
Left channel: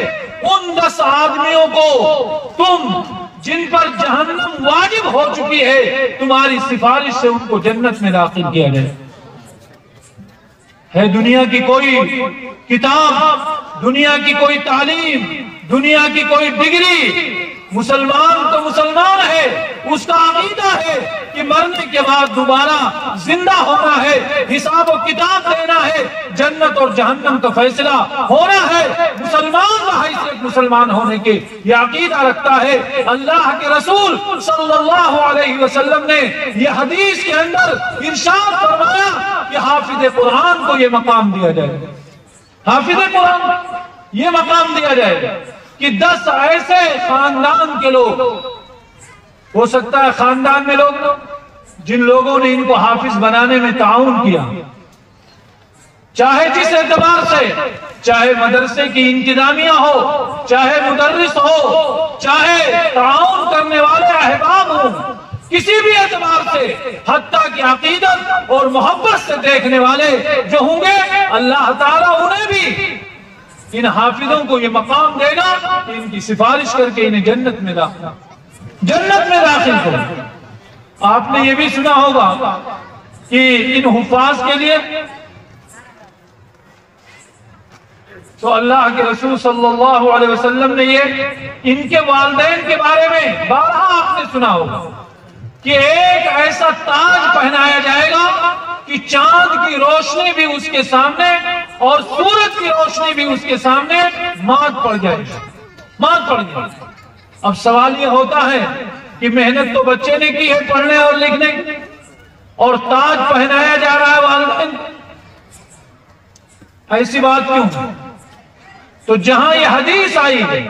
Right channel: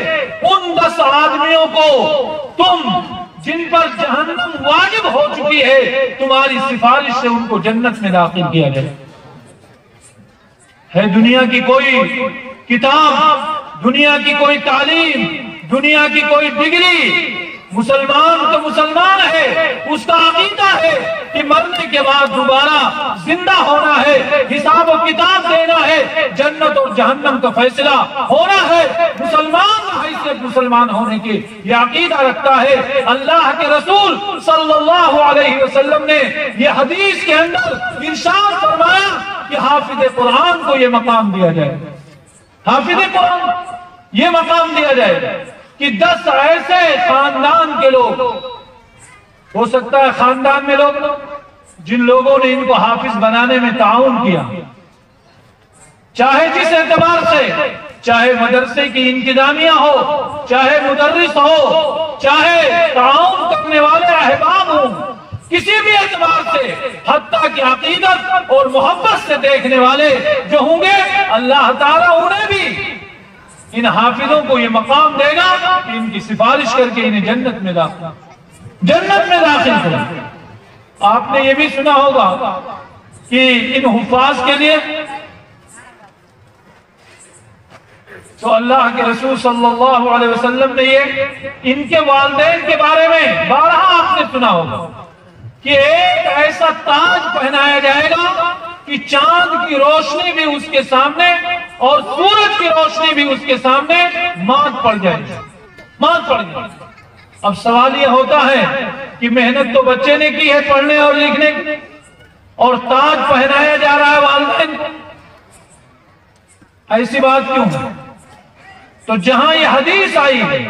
ان 10 آدمیوں کو تم جن پر جہنم واجب ہو چکی ہے تمہاری سفارش سے ان کو جنت میں داخل کیا جائے۔ ہے دنیا کی کوئی کتاب، دنیا کی کوئی تعلیم، دنیا کی کوئی ڈگری، مسلمان تو مسلمان ہے، اس کا عقیدہ ہے کہ مرنے کے بعد دوبارہ زندہ ہونا ہے، حساب و کتاب دینا ہے، جنت اور جہنم کا فیصلہ ہونا ہے۔ مسلمان کا حیثیت مسلمان ہونے کے یہ عقیدہ رکھتا ہے۔ اللہ کے رسول صلی اللہ علیہ وسلم نے یہ حدیث کے اندر ارشاد فرمایا کہ حافظ قرآن کو یہ مقام دیا جائے، حافظ قرآن یہ مقام دیا جائے کہ 10 ایسے خاندان کے لوگ، ہو سکتا ہے خاندان میں لوگ جن لوگوں نے ان کو حافظ بنانے میں تعاون کیا، چاہے جس اعتبار سے، چاہے مدرسے کی انتظامیہ ہو، چاہے مدرس ہو، چاہے تعاون کرنے والے احباب ہوں، کسی بھی اعتبار سے، حتیٰ کہ عقیدت اور محبت سے دیکھنے والے جو ہوں گے، اللہ تعالیٰ انہیں بھی، ان حافظوں کو یہ مقام دے گا کہ ان کی سفارش کر کے انہیں جنت میں داخل کرو۔ آپ نے یہ بھی سنا ہوگا کہ ان حفاظ کے لیے تو اللہ کے رسول صلی اللہ علیہ وسلم نے یہ ان کے والدین کے بارے میں بارہا آپ نے سنا ہوگا کہ ایک ایسا تاج پہنایا جائے گا کہ چاند کی روشنی بھی اس کے سامنے اور سورج کی روشنی بھی اس کے سامنے مات پڑ جائے گی، مات پڑ جائے گی۔ اب سوال یہ ہوتا ہے کہ محنت تو بچے نے کی ہے پڑھنے اور لکھنے کی، اور تاج پہنایا جا رہا ہے والدین کو، ایسی بات کیوں؟ تو جہاں یہ حدیث آئی ہے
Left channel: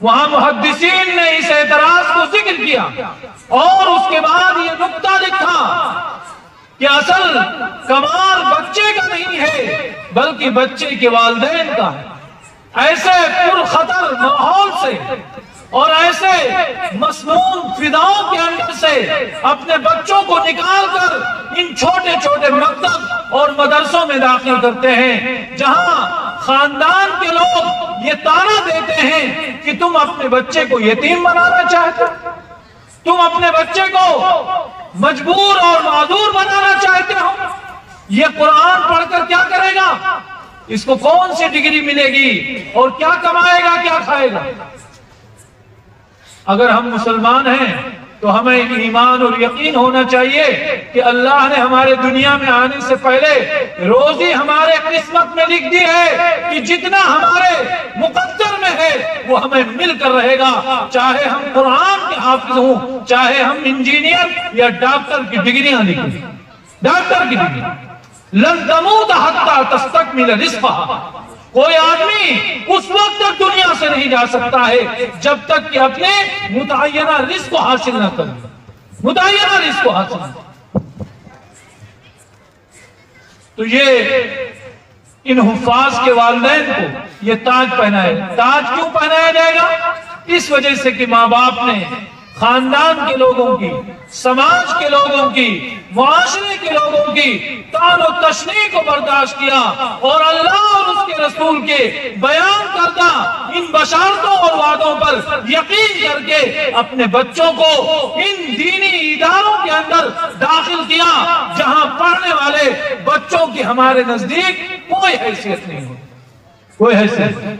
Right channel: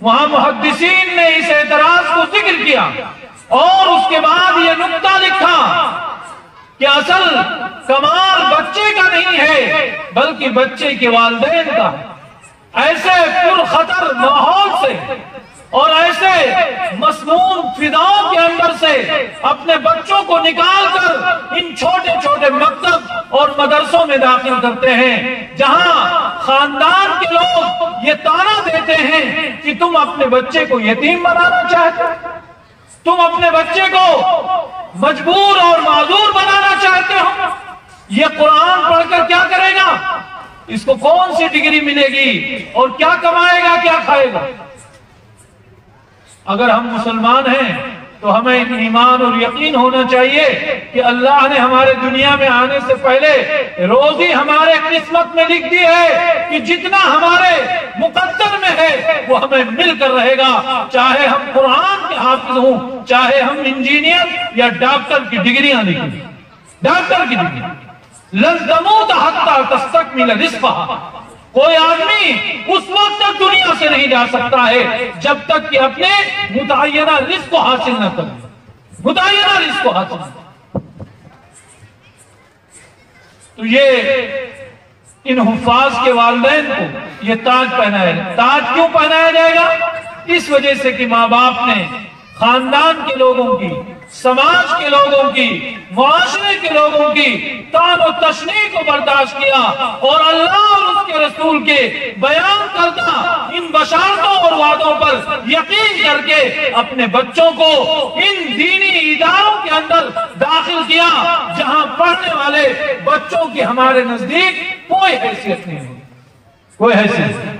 وہاں محدثین نے اس اعتراض کو ذکر کیا اور اس کے بعد یہ نقطہ لکھا کہ اصل کمال بچے کا نہیں ہے بلکہ بچے کے والدین کا ہے۔ ایسے پرخطر ماحول سے اور ایسے مسموم فضاؤں کے اندر سے اپنے بچوں کو نکال کر ان چھوٹے چھوٹے مکتب اور مدرسوں میں داخل کرتے ہیں جہاں خاندان کے لوگ یہ طعنہ دیتے ہیں کہ تم اپنے بچے کو یتیم بنانا چاہتے ہو، تم اپنے بچے کو مجبور اور معذور بنانا چاہتے ہو۔ یہ قرآن پڑھ کر کیا کرے گا؟ اس کو کون سی ڈگری ملے گی اور کیا کمائے گا، کیا کھائے گا؟ اگر ہم مسلمان ہیں تو ہمیں ایمان اور یقین ہونا چاہیے کہ اللہ نے ہمارے دنیا میں آنے سے پہلے روزی ہمارے قسمت میں لکھ دی ہے کہ جتنا ہمارے مقدر میں ہے وہ ہمیں مل کر رہے گا، چاہے ہم قرآن کے حافظ ہوں، چاہے ہم انجینئر یا ڈاکٹر کی ڈگریاں لکھیں، ڈاکٹر کی ڈگری۔ لن تموت حتی تستکمل رزقھا، کوئی آدمی اس وقت تک دنیا سے نہیں جا سکتا ہے جب تک کہ اپنے متعینہ رزق کو حاصل نہ کرے، متعینہ رزق کو حاصل نہ کرے۔ تو یہ ان حفاظ کے والدین کو یہ تاج پہنایا ہے۔ تاج کیوں پہنایا جائے گا؟ اس وجہ سے کہ ماں باپ نے خاندان کے لوگوں کی، سماج کے لوگوں کی، معاشرے کے لوگوں کی طعن و تشنیع کو برداشت کیا اور اللہ اور اس کے رسول کے بیان کردہ ان بشارتوں اور وعدوں پر یقین کر کے اپنے بچوں کو ان دینی اداروں کے اندر داخل کیا جہاں پڑھنے والے بچوں کی ہمارے نزدیک کوئی حیثیت نہیں ہے، کوئی حیثیت نہیں۔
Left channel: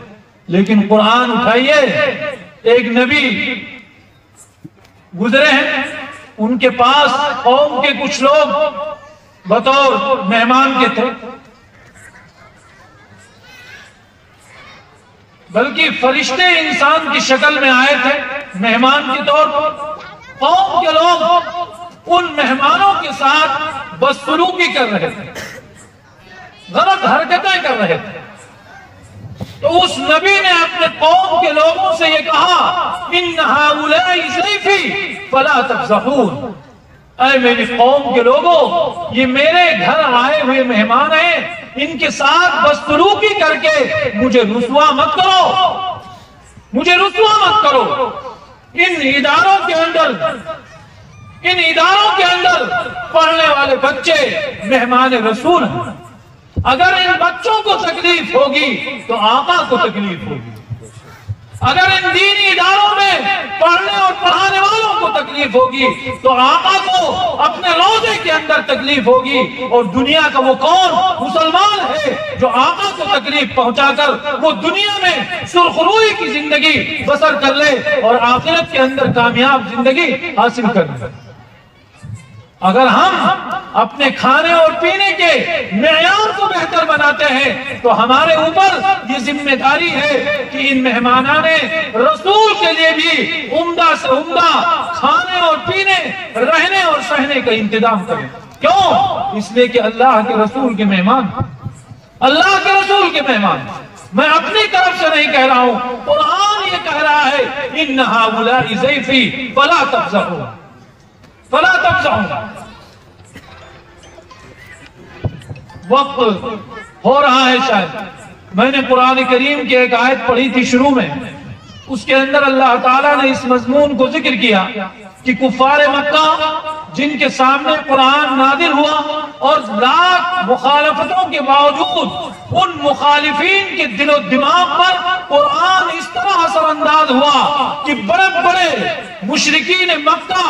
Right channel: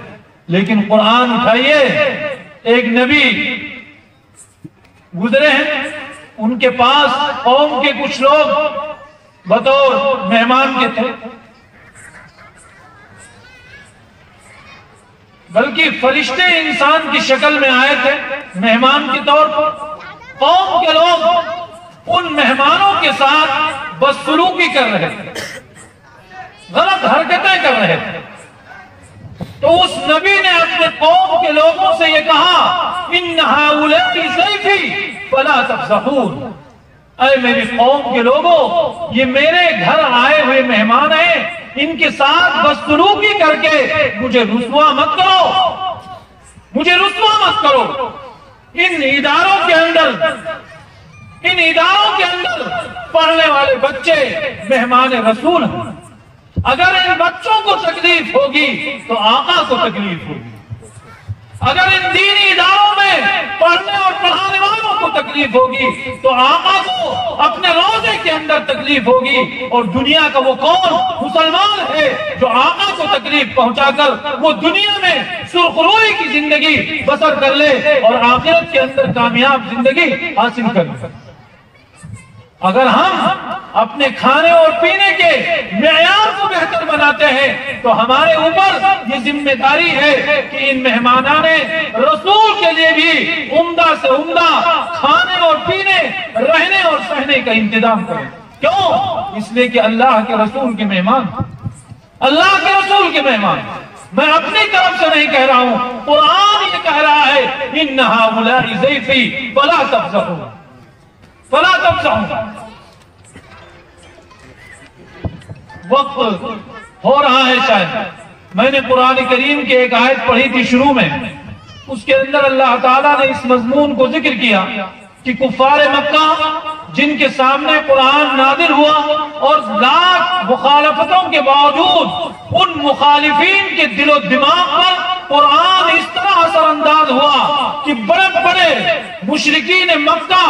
لیکن قرآن اٹھائیے، ایک نبی گزرے ہیں، ان کے پاس قوم کے کچھ لوگ بطور مہمان کے تھے، بلکہ فرشتے انسان کی شکل میں آئے تھے مہمان کے طور پر۔ قوم کے لوگ ان مہمانوں کے ساتھ بدسلوکی کر رہے تھے، غلط حرکتیں کر رہے تھے۔ تو اس نبی نے اپنے قوم کے لوگوں سے یہ کہا، ان ہؤلاء ضیفی فلا تفضحون، اے میری قوم کے لوگوں، یہ میرے گھر آئے ہوئے مہمان ہیں، ان کے ساتھ بدسلوکی کر کے مجھے رسوا مت کرو، مجھے رسوا مت کرو۔ ان اداروں کے اندر پڑھنے والے بچے مہمان رسول ہیں، اگر ان بچوں کو تکلیف ہوگی تو آقا کو تکلیف ہوگی، اگر ان دینی اداروں میں پڑھنے اور پڑھانے والوں کو تکلیف ہوگی تو آقا کو اپنے روزے کے اندر تکلیف ہوگی۔ اور دنیا کا وہ کون مسلمان ہے جو آقا کو تکلیف پہنچا کر وہ دنیا میں سرخروئی کی زندگی بسر کر لے اور آخرت کے اندر کامیاب زندگی حاصل کر لے؟ اگر ہم اپنے کھانے اور پینے کے معیار کو بہتر بناتے ہیں تو ہمارے اوپر یہ ذمہ داری ہے کہ ان مہمانان رسول کے لیے بھی عمدہ سے عمدہ کھانے اور پینے، رہنے اور سہنے کا انتظام کریں۔ کیوں؟ اس لیے کہ اللہ کے رسول کے مہمان، اللہ کے رسول کے مہمان، میں اپنی طرف سے نہیں کہہ رہا ہوں، قرآن یہ کہہ رہا ہے، ان ہؤلاء ضیفی فلا تفضحوا، فلا تفضحوا۔ وقت ہو رہا ہے شاید، میں نے قرآن کریم کی ایک آیت پڑھی تھی شروع میں، اس کے اندر اللہ تعالیٰ نے اس مضمون کو ذکر کیا کہ کفار مکہ جن کے سامنے قرآن نازل ہوا اور لاکھ مخالفتوں کے باوجود ان مخالفین کے دل و دماغ پر قرآن اس طرح اثر انداز ہوا کہ بڑے بڑے مشرکین مکہ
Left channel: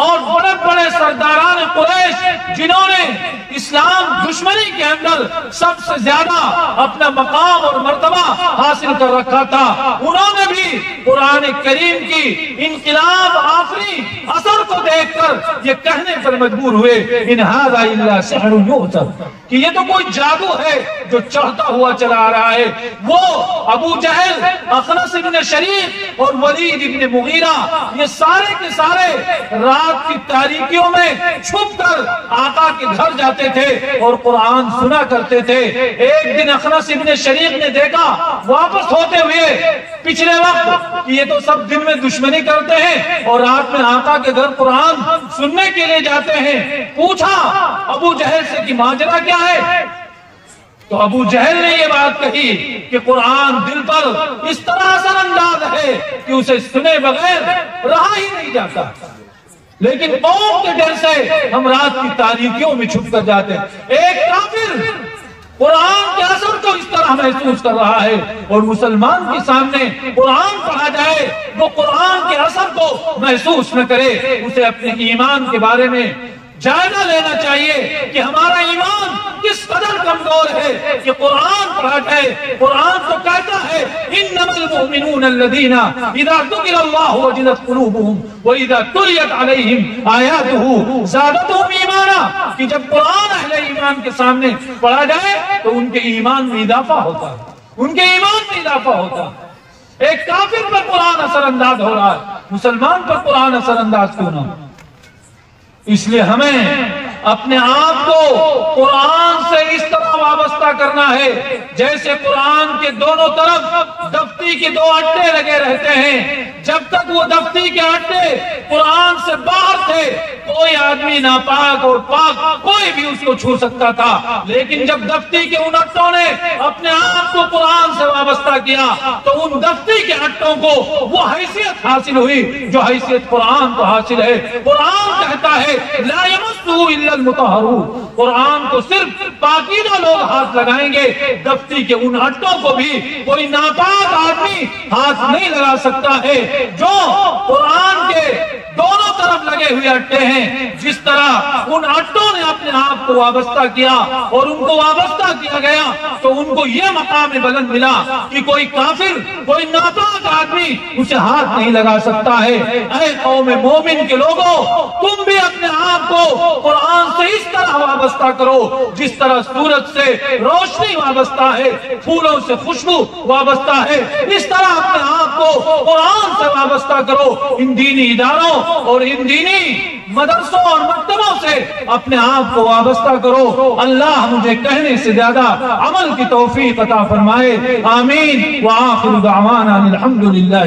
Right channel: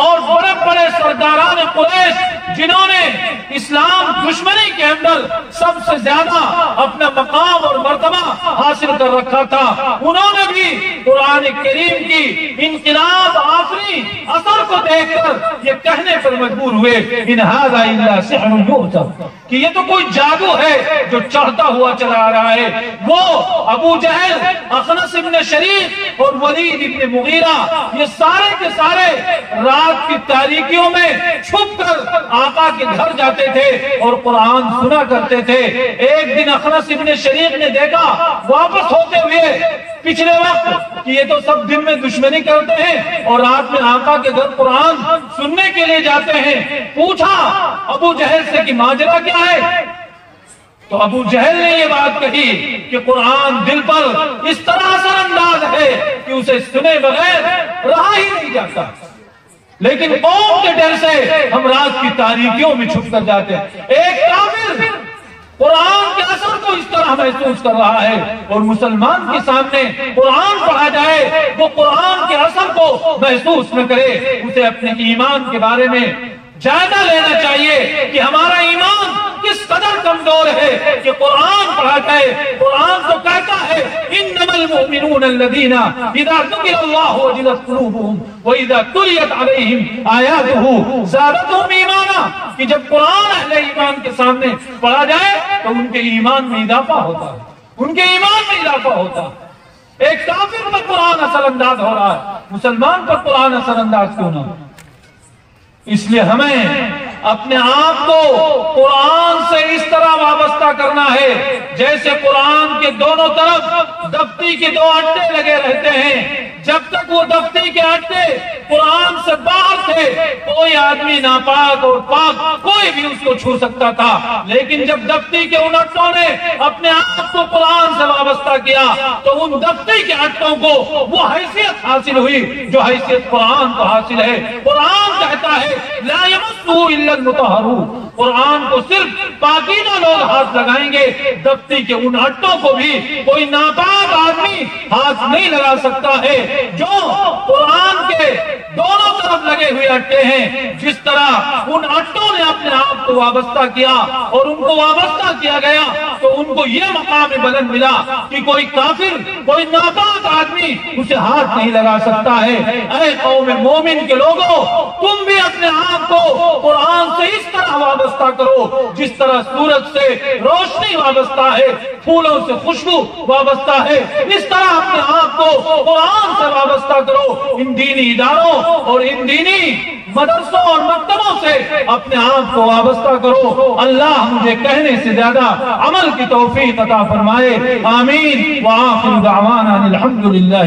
اور بڑے بڑے سرداران قریش جنہوں نے اسلام دشمنی کے اندر سب سے زیادہ اپنا مقام اور مرتبہ حاصل کر رکھا تھا، انہوں نے بھی قرآن کریم کی انقلاب آفری اثر کو دیکھ کر یہ کہنے پر مجبور ہوئے ان ھذا الا سحر یؤثر، کہ یہ تو کوئی جادو ہے جو چڑھتا ہوا چلا آ رہا ہے۔ وہ ابو جہل، اخنس ابن شریف اور ولید ابن مغیرہ یہ سارے کے سارے رات کی تاریکیوں میں چھپ کر آقا کے گھر جاتے تھے اور قرآن سنا کرتے تھے۔ ایک دن اخنس ابن شریف نے دیکھا واپس ہوتے ہوئے پچھلے وقت کہ یہ تو سب دن میں دشمنی کرتے ہیں اور رات میں آقا کے گھر قرآن سننے کے لیے جاتے ہیں۔ پوچھا ابو جہل سے کہ ماجرا کیا ہے؟ تو ابو جہل نے یہ بات کہی کہ قرآن دل پر اس طرح اثر انداز ہے کہ اسے سنے بغیر رہا ہی نہیں جاتا، لیکن قوم کے ڈر سے ہم رات کی تاریکیوں میں چھپ کر جاتے ہیں۔ ایک کافر قرآن کے اثر کو اس طرح محسوس کر رہا ہے اور مسلمان کے سامنے قرآن پڑھا جائے وہ قرآن کے اثر کو محسوس نہ کرے۔ اسے اپنے ایمان کے بارے میں جائزہ لینا چاہیے کہ ہمارا ایمان کس قدر کمزور ہے کہ قرآن پڑھا جائے۔ قرآن تو کہتا ہے انما المؤمنون الذين اذا ذكر الله وجلت قلوبهم واذا تليت عليهم آياته زادتهم ایمانا، کہ جب قرآن اہل ایمان کے سامنے پڑھا جائے تو ان کے ایمان میں اضافہ ہوتا، ان کے ایمان میں اضافہ ہوتا۔ ایک کافر پر قرآن اثر انداز ہو رہا ہے، مسلمان پر قرآن اثر انداز کیوں نہ؟ اس لیے ہمیں اپنے آپ کو قرآن سے اس طرح وابستہ کرنا ہے جیسے قرآن کے دونوں طرف دفتی کے دو اٹے لگے رہتے ہیں۔ جب تک وہ دفتی کے اٹے قرآن سے باہر تھے کوئی آدمی ناپاک اور پاک کوئی بھی اس کو چھو سکتا تھا، لیکن جب دفتی کے ان اٹوں نے اپنے آپ کو قرآن سے وابستہ کیا تو ان دفتی کے اٹوں کو وہ حیثیت حاصل ہوئی جو حیثیت قرآن کو حاصل ہے۔ قرآن کہتا ہے لا یمسہ الا المطہرون، قرآن کو صرف پاکیزہ لوگ ہاتھ لگائیں گے، دفتی کے ان اٹوں کو بھی کوئی ناپاک آدمی ہاتھ نہیں لگا سکتا ہے۔ جو قرآن کے دونوں طرف لگے ہوئے اٹے ہیں، جس طرح ان اٹوں نے اپنے آپ کو وابستہ کیا اور ان کو وابستہ کیا گیا تو ان کو یہ مقام بلند ملا کہ کوئی کافر، کوئی ناپاک آدمی اسے ہاتھ نہیں لگا سکتا ہے۔ اے قوم مومن کے لوگوں، تم بھی اپنے آپ کو قرآن سے اس طرح وابستہ کرو جس طرح سورج سے روشنی وابستہ ہے، پھولوں سے خوشبو وابستہ ہے، اس طرح اپنے آپ کو قرآن سے وابستہ کرو۔ ان دینی اداروں اور ان دینی مدرسوں اور مکتبوں سے اپنے آپ کو وابستہ کرو۔ اللہ مجھے کہنے سے زیادہ عمل کی توفیق عطا فرمائے، آمین۔ وآخر دعوانا الحمدللہ۔